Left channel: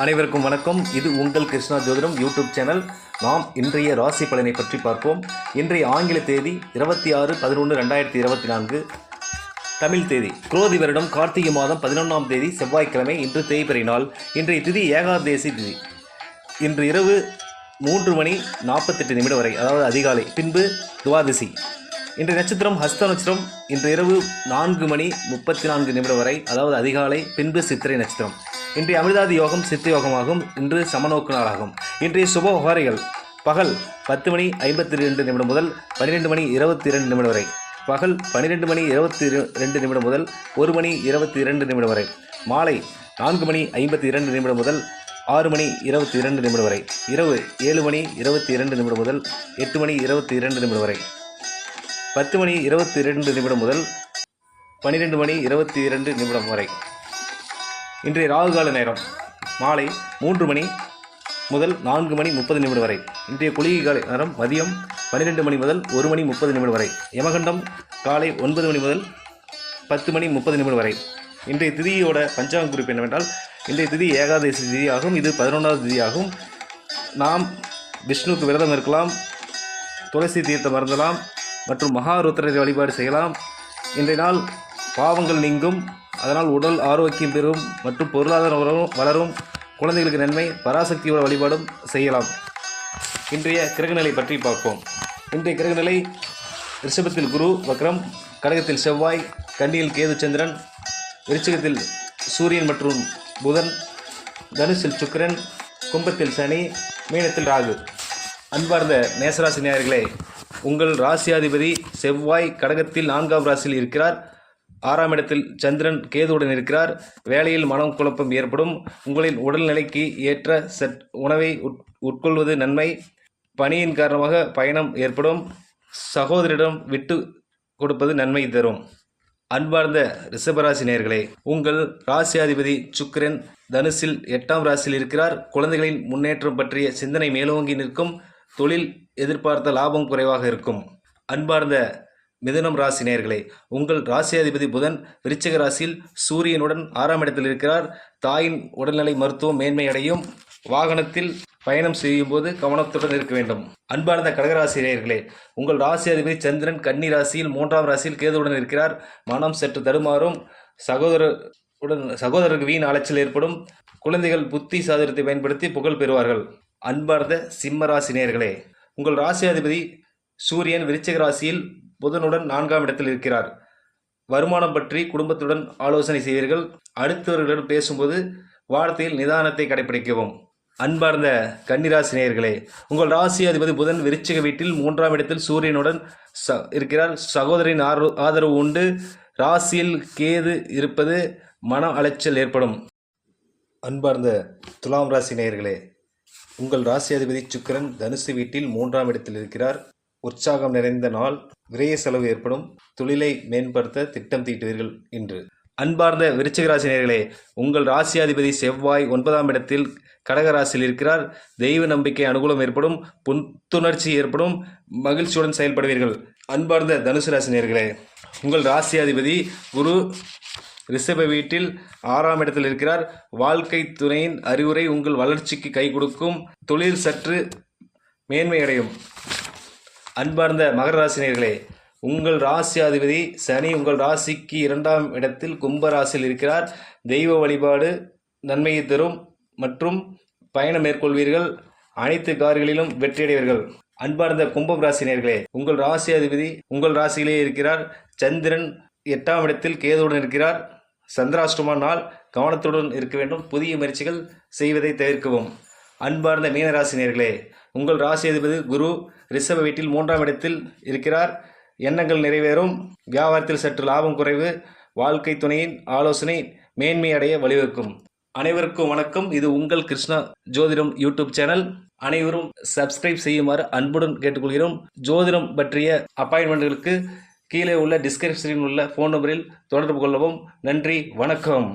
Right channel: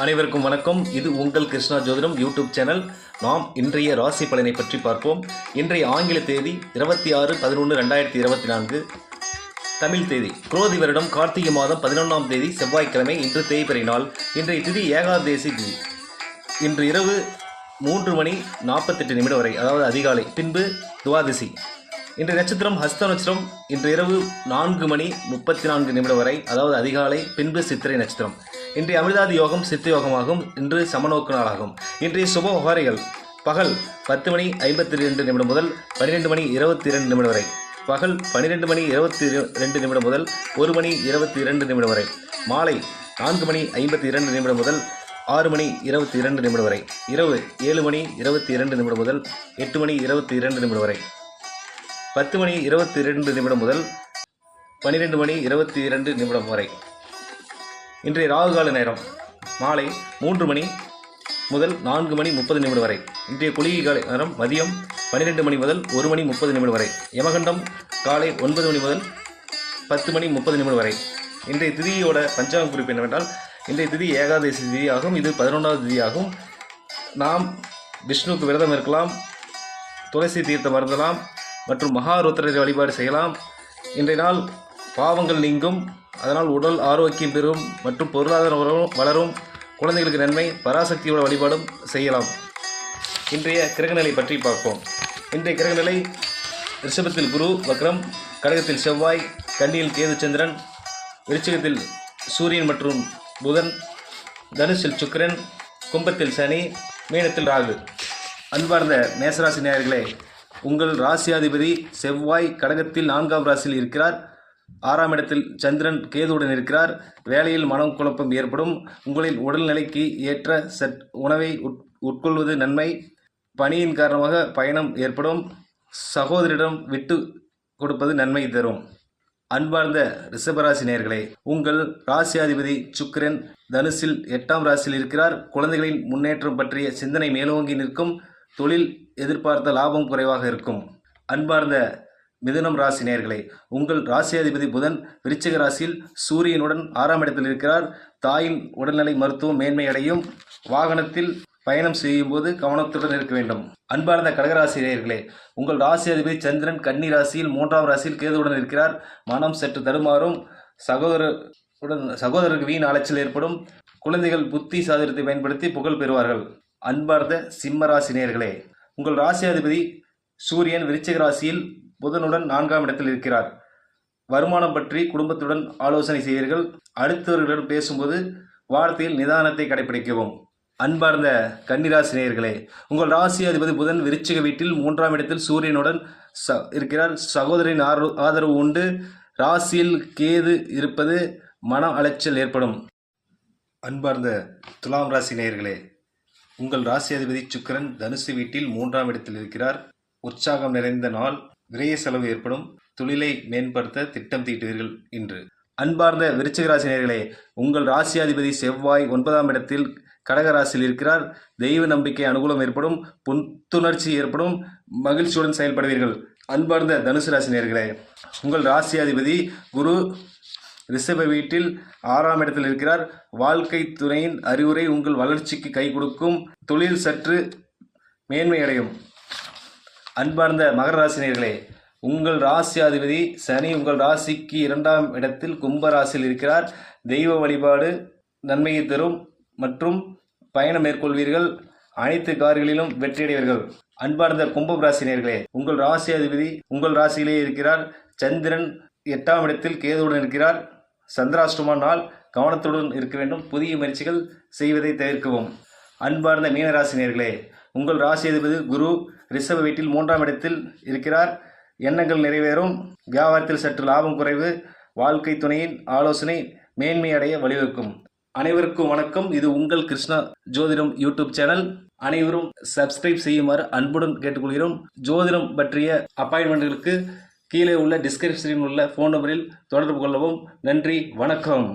அனைவருக்கும் வணக்கம். இது உங்கள் கிருஷ்ணா ஜோதிடம் யூடியூப் சேனல். நாம் இன்றைய ராசி பலனை பற்றி பார்ப்போம். இன்றைய ஆங்கில தேதி 26/11/2024, தமிழ் தேதி குரோதி வருடம் கார்த்திகை மாதம் 11ஆம் தேதி செவ்வாய்க்கிழமை. இன்று தேய்பிறை நாள். இன்றைய திதி ஏகாதேசி திதி. இன்று இரவு 3:48 வரை, அதாவது அதிகாலை, பின்பு துவாதசி. இன்றைய நட்சத்திரம் ஹஸ்த நட்சத்திரம். இன்று இரவு 4:34 வரை, அதாவது அதிகாலை, பின்பு சித்திரை நட்சத்திரம். இன்றைய அமிர்தாதி யோகம் சித்த யோகமாகும். இன்று சமநோக்கு நாளாகும். இன்றைய சுப ஹோரைகள் பகல் 10:52 முதல் 12:22 வரை, பகல் 12:22 முதல் 1:22 வரை, மாலை 4:52 முதல் 6:22 வரை, இரவு 7:22 முதல் 8:22 வரை, 10:22 முதல் 12:22 வரை. இன்றைய ராகுகால நேரம் மாலை 3 மணி முதல் 4:30 வரை. இன்றைய குளிகை நேரம் மதியம் 12 முதல் 1:30 வரை. யமகண்டம் காலை 9 முதல் 10:30 வரை. இன்றைய திதியோட பஞ்சாங்க குறிப்பு என்னவென்றால், இன்றைய திதி ஏகாதசி திதி ஆகும். இது 11வது திதி ஆகும். நாம் விஷ்ணுவுக்கு விரதம் இருக்கலாம், துளசி தீர்த்தம் அருந்தலாம் மற்றும் மகாருத்ர வழிபாடு செய்யலாம். இன்றைய நாள் பாவங்கள் நீங்கும், அதனால் உடல் ஆரோக்கியம் பெறும் மற்றும் பொருளாதாரம் வளரும். குழந்தைகளுக்கு நன்மை. பராசக்தியோட வழிபாடும் செய்யலாம். இன்றைய கிரகநிலை பற்றி பார்ப்போம். இன்றைய கிரகநிலை: ரிஷபத்தில் குரு வக்ரம், கடகத்தில் செவ்வாய், கன்னியில் கேது சந்திரன், விருச்சிகத்தில் சூரியன் மற்றும் புதன், தனுசில் சுக்கிரன், கும்பத்தில் சனி, மீனத்தில் ராகு. அன்பார்ந்த மேசராசி நேயர்களே, உங்கள் ராசியாதிபதி செவ்வாய் கடகத்தில் 4ஆம் ராசியில் இருக்கிறார். 6ஆம் இடத்தில் சந்திரன் கேதுவுடன் இருக்கிறார். வேலையில் மனம் குழப்பம் ஏற்படும். உங்களின் உடல்நிலைக்கு ஏற்ற உணவை உட்கொள்வது நன்மை. பணியின் காரணமாக பயணம் ஏற்படும். சகோதரிடம் விட்டு கொடுப்பது நன்மை தரும். அன்பார்ந்த ரிஷபராசி நேயர்களே, உங்கள் ராசியாதிபதி சுக்கிரன் தனுசில் 8ஆம் ராசியில் இருக்கிறார். குழந்தைகளின் முன்னேற்றம் பற்றிய சிந்தனை மேலோங்கி நிற்கும். தொழில் எதிர்பார்த்த லாபம் குறைவாக இருக்கும். அன்பார்ந்த மிதுனம் ராசி நேயர்களே, உங்கள் ராசியாதிபதி புதன் விருச்சிக ராசியில் சூரியனுடன் 6ஆம் இடத்தில் இருக்கிறார். தாயின் உடல்நிலை மருத்துவம் மேன்மை அடையும். வாகனத்தில் பயணம் செய்யும் போது கவனத்துடன் இருக்க வேண்டும். அன்பார்ந்த கடகராசி நேயர்களே, உங்கள் ராசியாதிபதி சந்திரன் கன்னி ராசியில் 3ஆம் ராசியில் கேதுவுடன் இருக்கிறார். மனம் சற்று தடுமாறும். சகோதரருக்கு வீண் அலைச்சல் ஏற்படும். குழந்தைகள் புத்தி சாதுரியத்தை பயன்படுத்தி புகழ் பெறுவார்கள். அன்பார்ந்த சிம்ம ராசி நேயர்களே, உங்கள் ராசியாதிபதி சூரியன் விருச்சிக ராசியில் புதனுடன் 4ஆம் இடத்தில் இருக்கிறார். வருமானம் பற்றி குடும்பத்துடன் ஆலோசனை செய்வீர்கள். அடுத்தவர்களிடம் பேசும்போது வார்த்தையில் நிதானத்தை கடைபிடிக்கவும். அன்பார்ந்த கன்னிராசி நேயர்களே, உங்கள் ராசி அதிபதி புதன் விருச்சிக வீட்டில் 3ஆம் இடத்தில் சூரியனுடன் இருக்கிறார். சகோதரின் ஆதரவு உண்டு. ராசியில் கேது இருப்பது மன அலைச்சல் ஏற்படும். அன்பார்ந்த துலாம் ராசி நேயர்களே, உங்கள் ராசி அதிபதி சுக்கிரன் தனுசு வீட்டில் 3ஆம் இடத்தில் இருக்கிறார். உற்சாகம் நிறைந்த நாள். விரைய செலவு ஏற்படும். தொழிலை மேம்படுத்த திட்டம் தீட்டுவீர்கள் இன்று. அன்பார்ந்த விருச்சிக ராசி நேயர்களே, உங்கள் ராசியாதிபதி செவ்வாய் 9ஆம் இடத்தில் கடகராசியில் இருக்கிறார். தெய்வ நம்பிக்கை அனுகூலம் ஏற்படும். புத்துணர்ச்சி ஏற்படும். மகிழ்ச்சியுடன் செயல்படுவீர்கள். அன்பார்ந்த தனுசு ராசி நேயர்களே, உங்கள் ராசியாதிபதி குரு ரிஷப வீட்டில் 6ஆம் இடத்தில் இருக்கிறார். வாழ்க்கை துணையின் அறிவுரை உங்கள் வளர்ச்சிக்கு கை கொடுக்கும். தொழில் சற்று மேன்மையடையும். அன்பார்ந்த மகர ராசி நேயர்களே, உங்கள் ராசியாதிபதி சனி உங்கள் ராசிக்கு 2ஆம் இடத்தில் கும்ப ராசியில் இருக்கிறார். தெய்வ வழிபாடு நன்மையை தரும் மற்றும் பயணம் மேற்கொள்வீர்கள். அனைத்து காரியங்களிலும் வெற்றியடைவீர்கள். அன்பார்ந்த கும்பம் ராசி நேயர்களே, உங்கள் ராசியாதிபதி உங்கள் ராசியிலே இருக்கிறார். சந்திரன் 8ஆம் இடத்தில் கேதுவுடன் இருக்கிறார். சந்திராஷ்டம நாள். கவனத்துடன் இருக்க வேண்டும். புதிய முயற்சிகள் செய்வதை தவிர்க்கவும். அன்பார்ந்த மீனராசி நேயர்களே, உங்கள் ராசியாதிபதி குரு ரிஷப வீட்டில் 3ஆம் இடத்தில் இருக்கிறார். எண்ணங்கள் நிறைவேறும். வியாபாரத்தில் சற்று லாபம் குறைவு. வாழ்க்கை துணையின் ஆலோசனை மேன்மை அடைய வழிவகுக்கும். அனைவருக்கும் வணக்கம். இது உங்கள் கிருஷ்ணா ஜோதிடம் யூடியூப் சேனல். அனைவரும் சப்ஸ்கிரைப் செய்யுமாறு அன்புடன் கேட்டுக்கொள்கிறோம். ஜோதிடம் பற்றிய அப்பாயின்மெண்ட்களுக்கு கீழே உள்ள டிஸ்கிரிப்ஷனில் உள்ள ஃபோன் நம்பரில் தொடர்பு கொள்ளவும். நன்றி, வணக்கம்.